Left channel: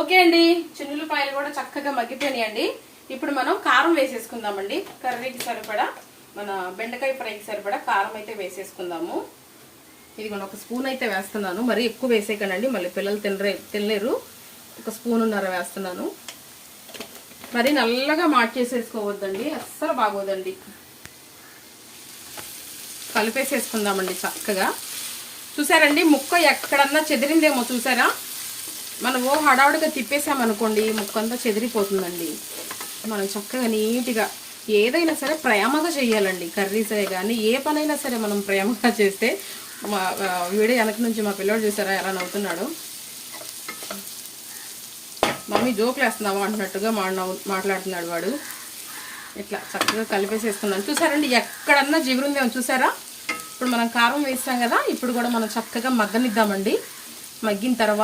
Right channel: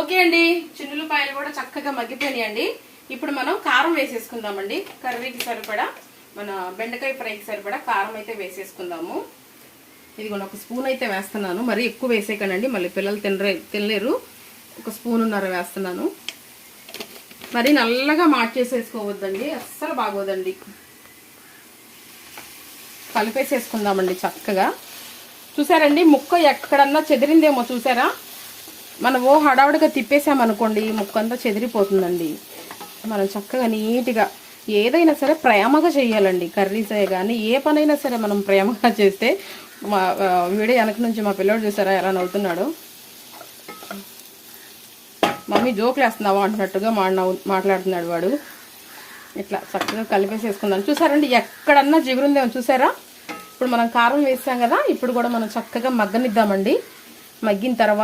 Okay అండి, చిన్నులపాయలు కూడా చక్కగా మగ్గిపోయినాయండి. ఇప్పుడు మనం కారం వేసేసుకుందామండి. కర్రీకి సరిపడా, మన బెండకాయ ఫ్రైకి సరిపడా కారం అయితే వేసేసుకుందాము. ఇదిగోండి, ఒక స్పూన్ అయితే వేస్తున్నాను. మరీ ఎక్కువ వేసేయకండి, మళ్ళీ పిల్లలు తినలేరు. ఒక స్పూన్నర వేస్తున్నాను. మరి నల్లగా మార్చేసేసుకోవద్దండి, అస్సలు బాగోదండి. కలిపేసేసుకుందామండి చక్కగా. చూసారండి, ముక్క ఎక్కడన్నా చెదిరిందేమో చూసారా? మనం హడావుడిగా తిప్పేసామనుకోండి, ముక్క అంతా చెదిరిపోతుందండి. మనం చక్కగా నీట్గా ఏదైనా సరే ప్రేమగా చేయాలండి. కర్రీసే కానీ ఏ పనైనా సరే మనం ప్రేమగా చేస్తే, మా వీడియో వెనక నుంచి మా పిల్లడు చూసారా ఎలా నవ్వుతున్నాడు. మమ్మీ జోకులు వేస్తున్నావా అంటున్నట్టుగా మాట్లాడుతున్నాడు వాడు. ఇట్లా చక్కగా కలిపేసేసుకుందాం. చూసారండి, ఎక్కడన్నా జిగురుందేమో చూసారా? ఇప్పుడు మనం కారం వేస్తాం కదా, ఇప్పుడు కూడా మనం చక్కగా మగ్గనిద్దామండి. మగ్గిన తర్వాత